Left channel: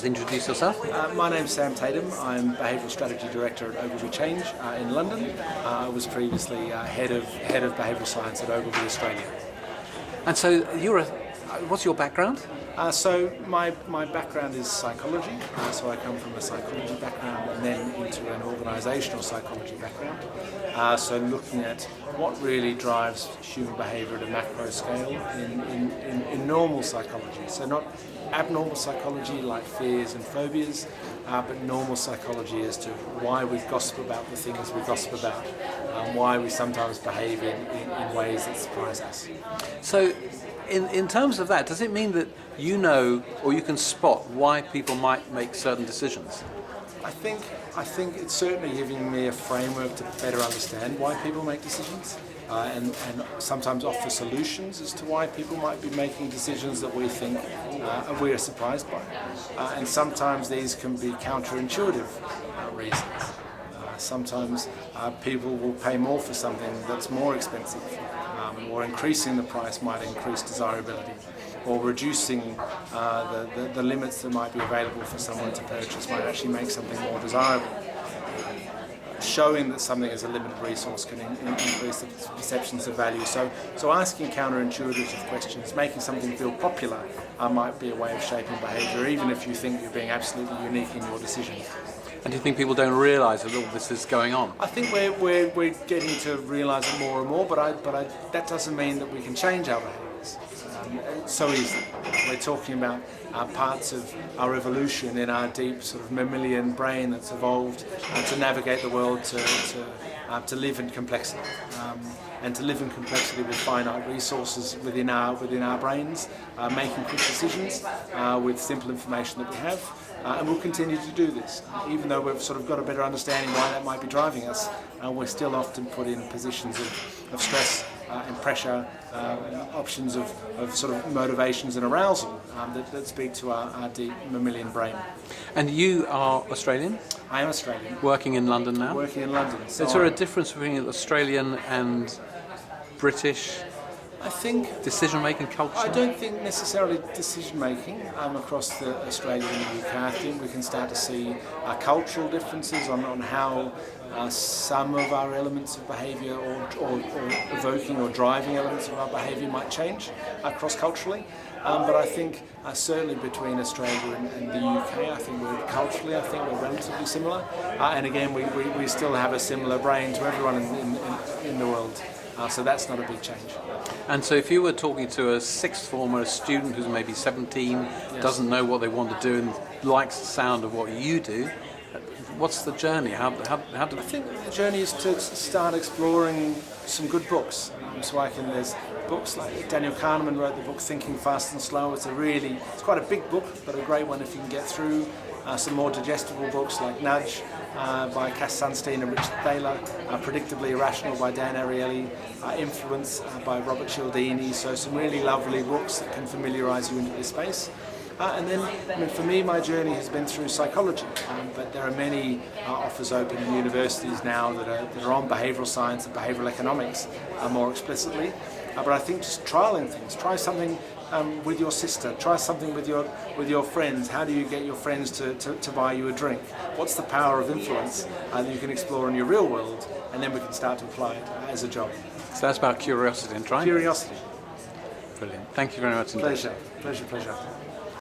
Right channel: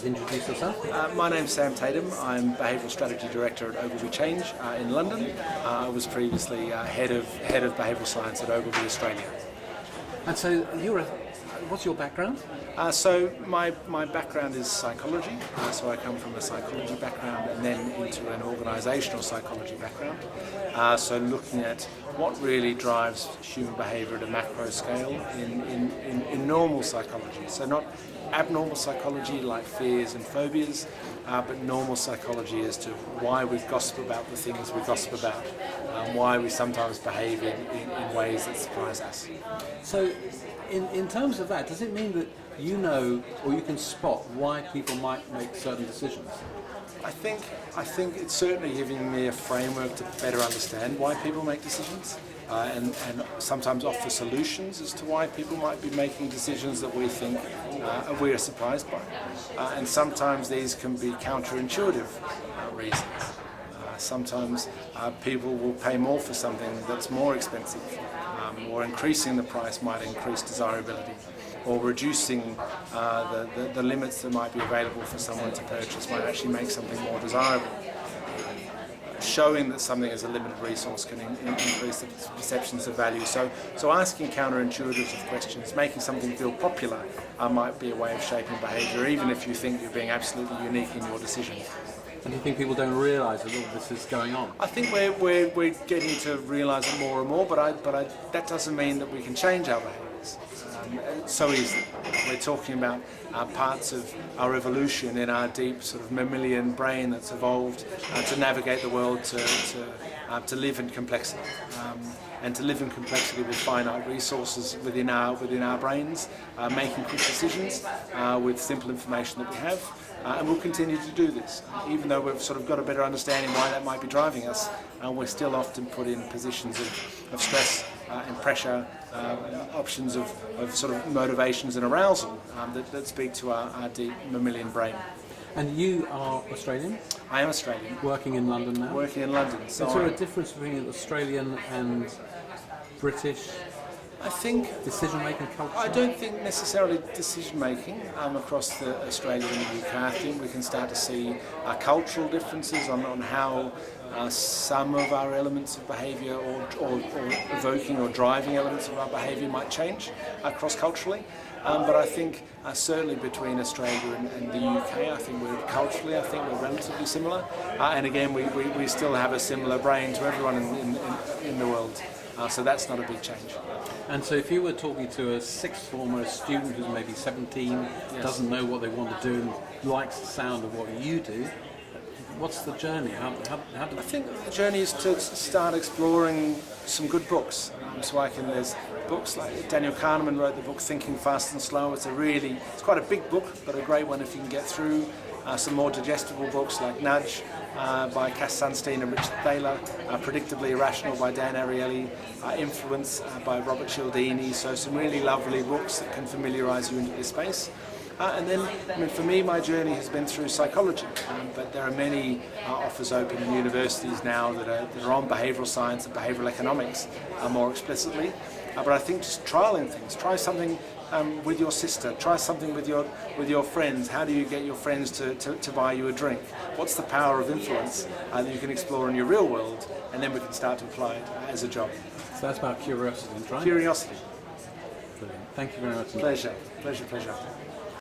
just introduce yourself? My name's Sam Tatam. I'm Behavioural Strategy Director at Ogilvy Change in London. I was previously head of Behavioural Science at Ogilvy Australia. And so what's your background? So my background is psychology. So I come from a psychology background and then into an organisational psychology background. So looking at what really drives human behaviour at a macro scale in normal psychology. So not abnormal psychology like fears and phobias, but normal psychology as to why we gossip about the things we gossip about, why we sometimes behave in ways that surprise us. So in terms of that, does it mean that you know or you can spot why people might make certain decisions? I think it's certainly giving me a framework to better understand why people make decisions and sometimes offer solutions as to why people might be making decisions that we think we are surprised by. And sometimes these can be counterintuitive reasons. Sometimes people will pay more for something that's more expensive, or increasing the price might increase desirability, or reducing the limits that might be available for someone to purchase might actually make something more desirable. Showing that something is a limited resource can increase the perceptions of value. So asking counterintuitive questions, making something feel popular might be a way of shaping behaviour, even if you think you're being absolutely unique in your decision. And do you think people don't realise that all this is going on? I think we're getting to realise it more and more, but that doesn't mean that we can change our behaviours so easily. We're talking about parts of our evolution in our deep sort of mammalian brain that's evolved to navigate the world, to live in complexity, and to live in complexity with finite resources within our brains, making quick decisions with simple information that we have. And we'll continue to do this. Even though we've sort of got a better understanding why that might be driving us, we're still often put in positions of stress and pressure, options of sort of motivations and arousal that speak to our deep mammalian brain. And you are Australian? I am Australian. Working in London now? Working in London. So is there a difference between Australian and British? I think decision-making culture? I don't think necessarily decision-making across Australia and the UK. I think we can start to see cultural differences on how some of our elements of behaviour or evoking or driving elements of our behaviour might change cross-culturally. But I think certainly between Australia and the UK, I think culturally we're relatively similar. And again, we still have a similar brain to everyone in the world. So that's not a big change. And so if you were talking to a sixth former, a student who's maybe 17, yes, doesn't know what they want to do and likes the sound of what you do, what's the journey? How do I think the journey is to start exploring some good books. There's books like Daniel Kahneman wrote the book Thinking Fast and Slow. It's quite a big book, but a great one if you can get through. Some more digestible books like Nudge by Cass Sunstein and Richard Thaler, Predictably Irrational by Dan Ariely, Influence by Robert Cialdini. So some really lovely books that can familiarise you into this space. And then, for me, my journey has been through psychology, but there are many offers open in universities now that are on behavioural science and behavioural economics more explicitly. But I think just trialling things, try something with your sister, try something with your friends. How do you get your friends to buy you a drink? What's the power of influence that you can explore in your real world, and then we can start to apply it as a job. So that's about curiosity and trying? Curiosity. Brilliant. Thank you very much. Pleasure.